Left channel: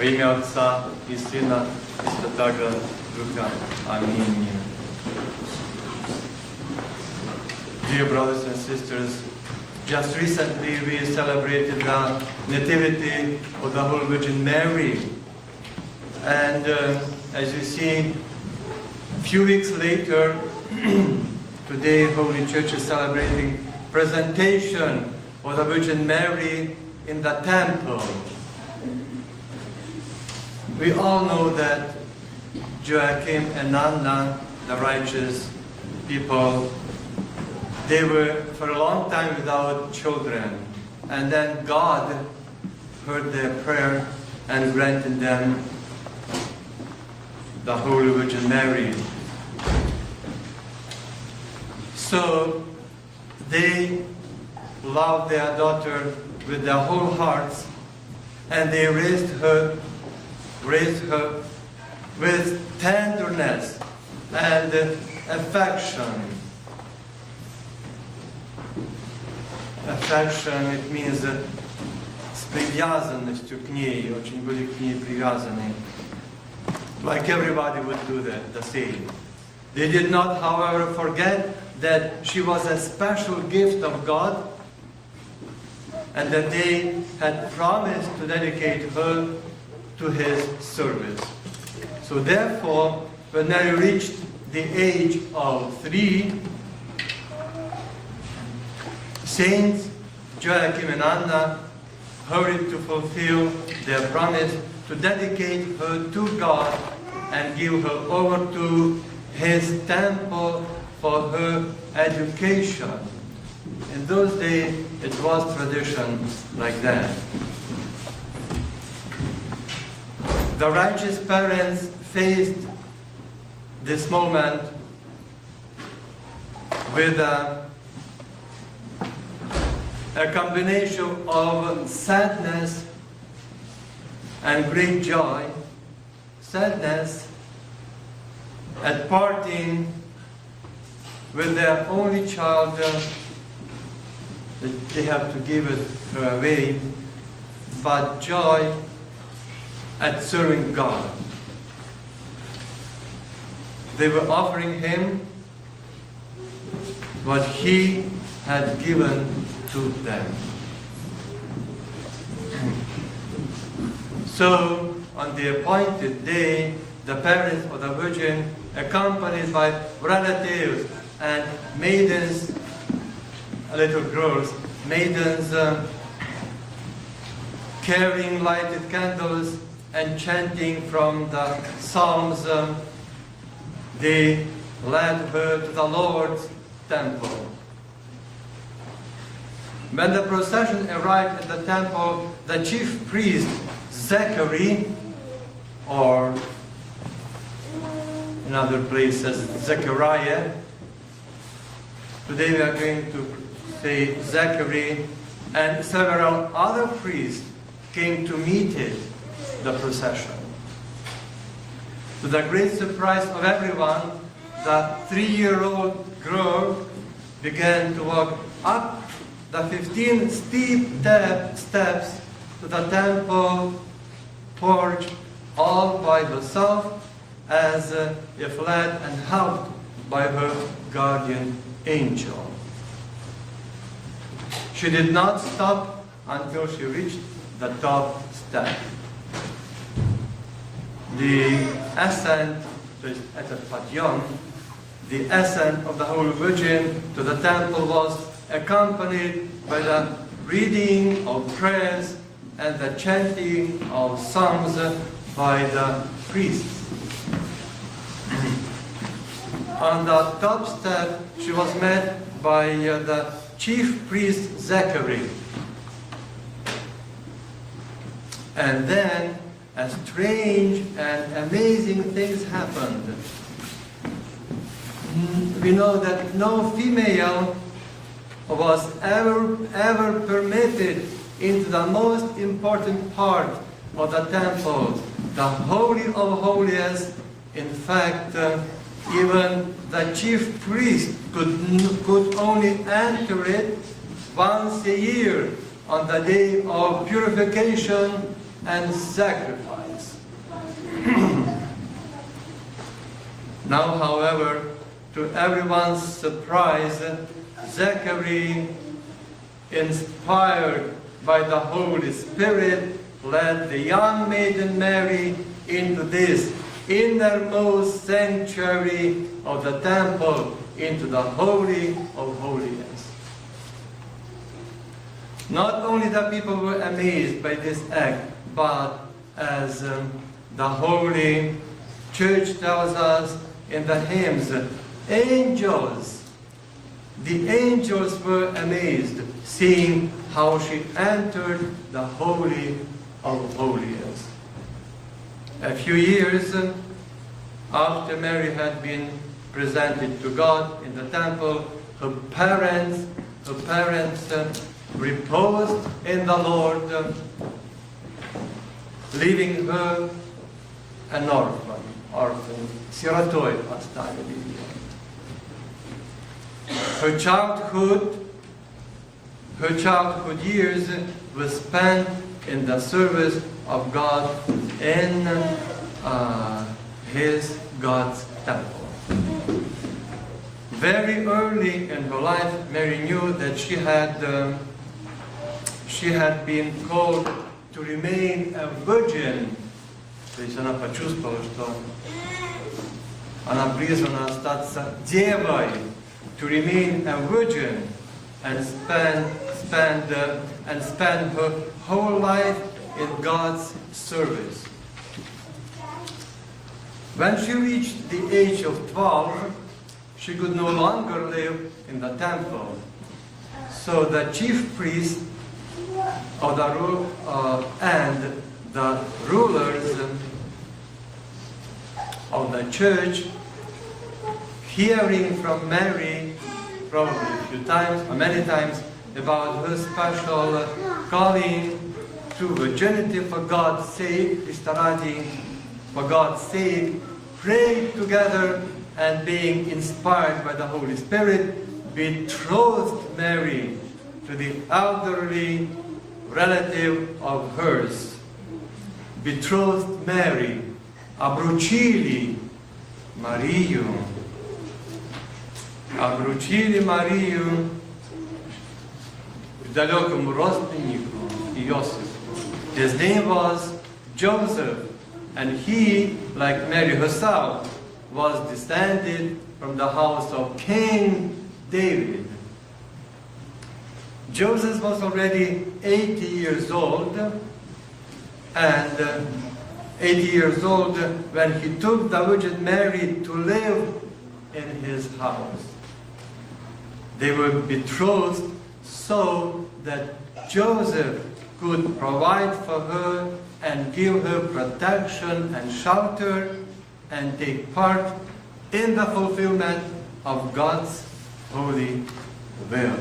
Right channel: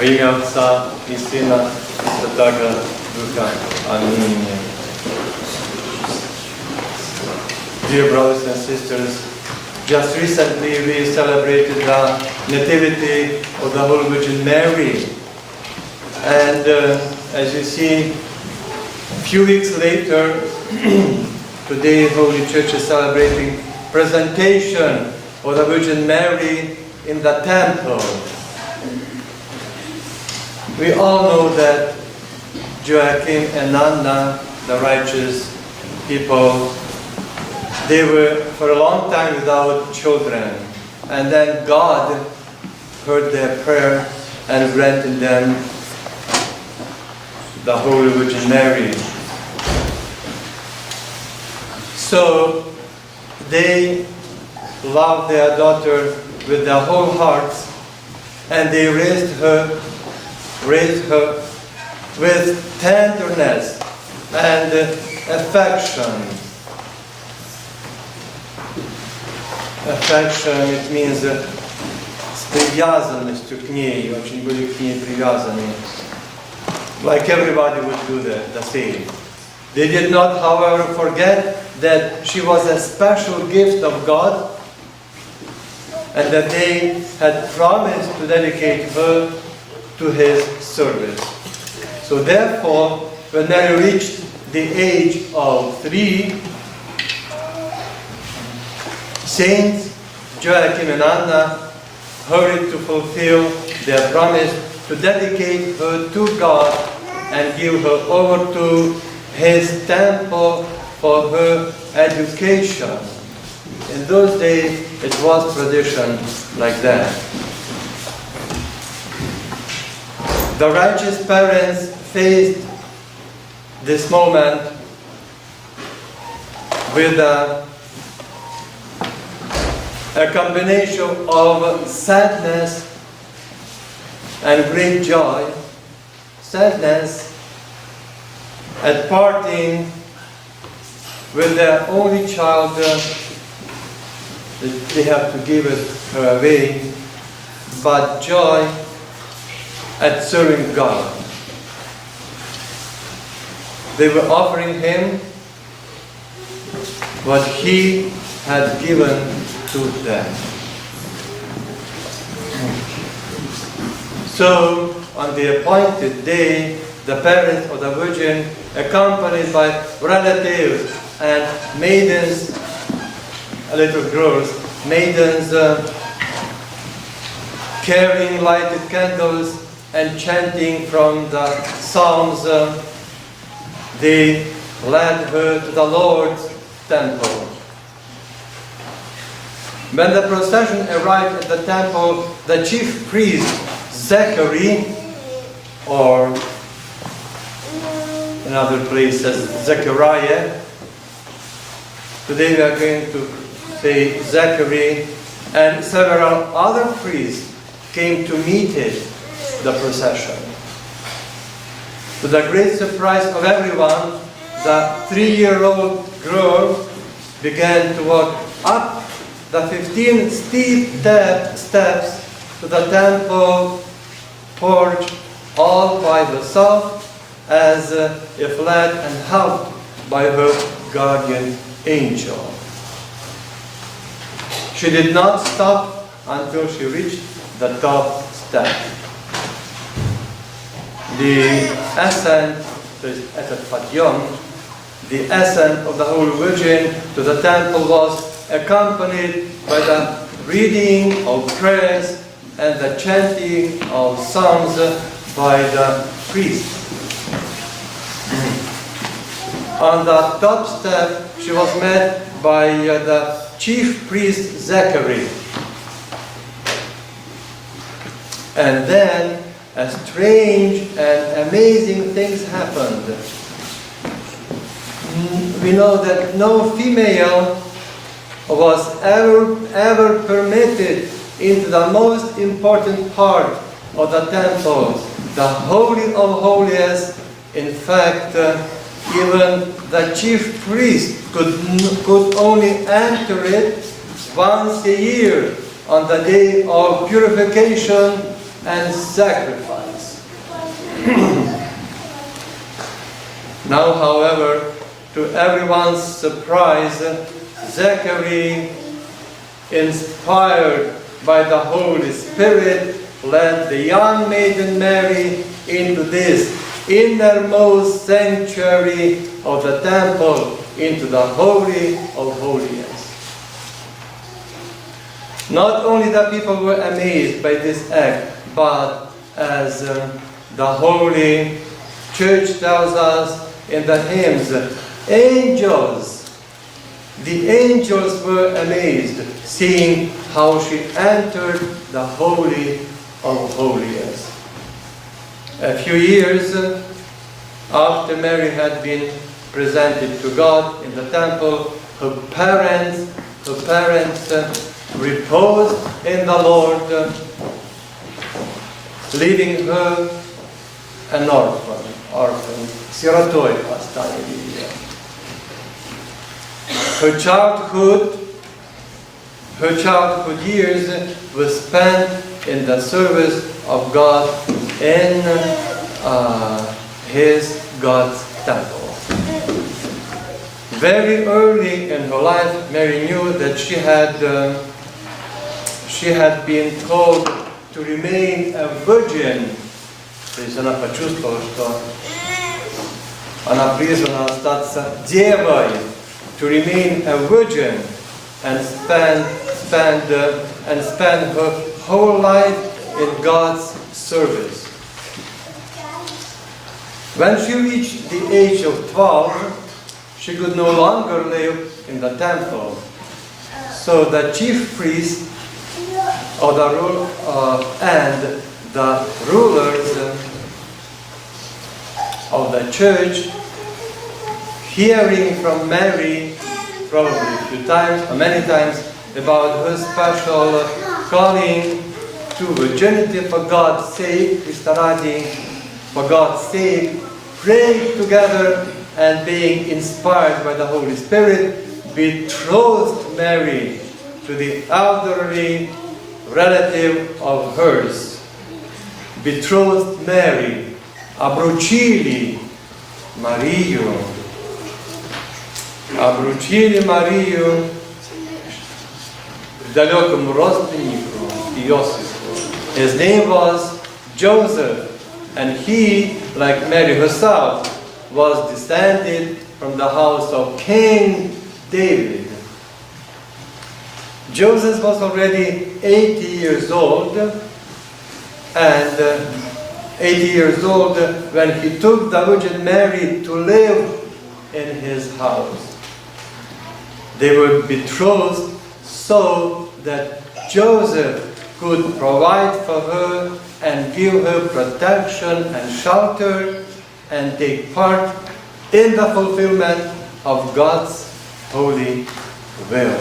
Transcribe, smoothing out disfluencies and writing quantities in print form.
Во имя Отца и Сына и Святаго Духа. Аминь. Dear brothers and sisters, just recently we celebrated the Nativity of the Holy Virgin Mary. And as you see, a few weeks later, today Holy Church is celebrating presentation of the Virgin Mary in the temple. We all know that Joachim and Anna, the righteous people, they were for a long time without children. And then God heard their prayer and granted them the Holy Virgin Mary. So they loved their daughter with their whole hearts, and they raised her with tenderness and affection. Affection, it means с привязанностью к ней, очень были к ней привязаны. Like everybody would do the same. They did not, however, forget that she was a special gift of God and that they had promised to dedicate her to His service. So therefore, when Mary reached the age of 3, Saints Joachim and Anna hurried to fulfill their promise to dedicate her to God and give her over to His temple for her education. In those days, it was tradition like that. The righteous parents faced this moment with a combination of sadness and great joy. Sadness at parting with their only child, that they have to give her away, but joy at serving God. They were offering Him what He had given to them. So, on the appointed day, the parents of the Virgin, accompanied by relatives and maidens, little girls, maidens carrying lighted candles and chanting from the Psalms, they led her to the Lord's temple. When the procession arrived at the temple, the chief priest, Zachary, or in other places, Zechariah, today we are going to say Zachary, and several other priests came to meet it, the procession. To the great surprise of everyone, the 3-year-old girl began to walk up the 15 steep steps to the temple porch all by herself, as if led and helped by her guardian angel. She did not stop until she reached the top step. The ascent, the ascent of the Holy Virgin to the temple was accompanied by the reading of prayers and the chanting of psalms by the priests. On the top step, she was met by the chief priest Zachary. And then a strange and amazing things happened. We know that no female was ever permitted into the most important part of the temple, the Holy of Holies. In fact, even the chief priest could only enter it once a year on the day of purification and sacrifice. Now, however, to everyone's surprise, Zachary, inspired by the Holy Spirit, led the young maiden Mary into this innermost sanctuary of the temple, into the Holy of Holies. Not only the people were amazed by this act, but as the Holy Church tells us in the hymns, the angels were amazed, seeing how she entered the Holy of Holies. A few years after Mary had been presented to God in the temple, her parents reposed in the Lord, leaving her an orphan, sirotoj оставили ее. Her childhood years were spent in the service of God in God's temple. Very early in her life, Mary knew that she had been called to remain a virgin. То есть она почувствовала, что она призвана остаться девой, to remain a virgin and spend her whole life in God's service. When she reached the age of 12, she could no longer live in the temple. So the chief priest and the rulers of the church, hearing from Mary, probably a few times or many times, about her special calling to virginity for God's sake, for God's sake, prayed together and being inspired by the Holy Spirit, betrothed Mary to the elderly relative of hers. Betrothed Mary, обручили Марию далекому родственнику Иосифу. His name was Joseph, and he, like Mary herself, was descended from the house of King David. Joseph was already 80 years old, and 80 years old when he took the Virgin Mary to live in his house. They were betrothed so that Joseph could provide for her and give her protection and shelter and take part in the fulfillment of God's holy will.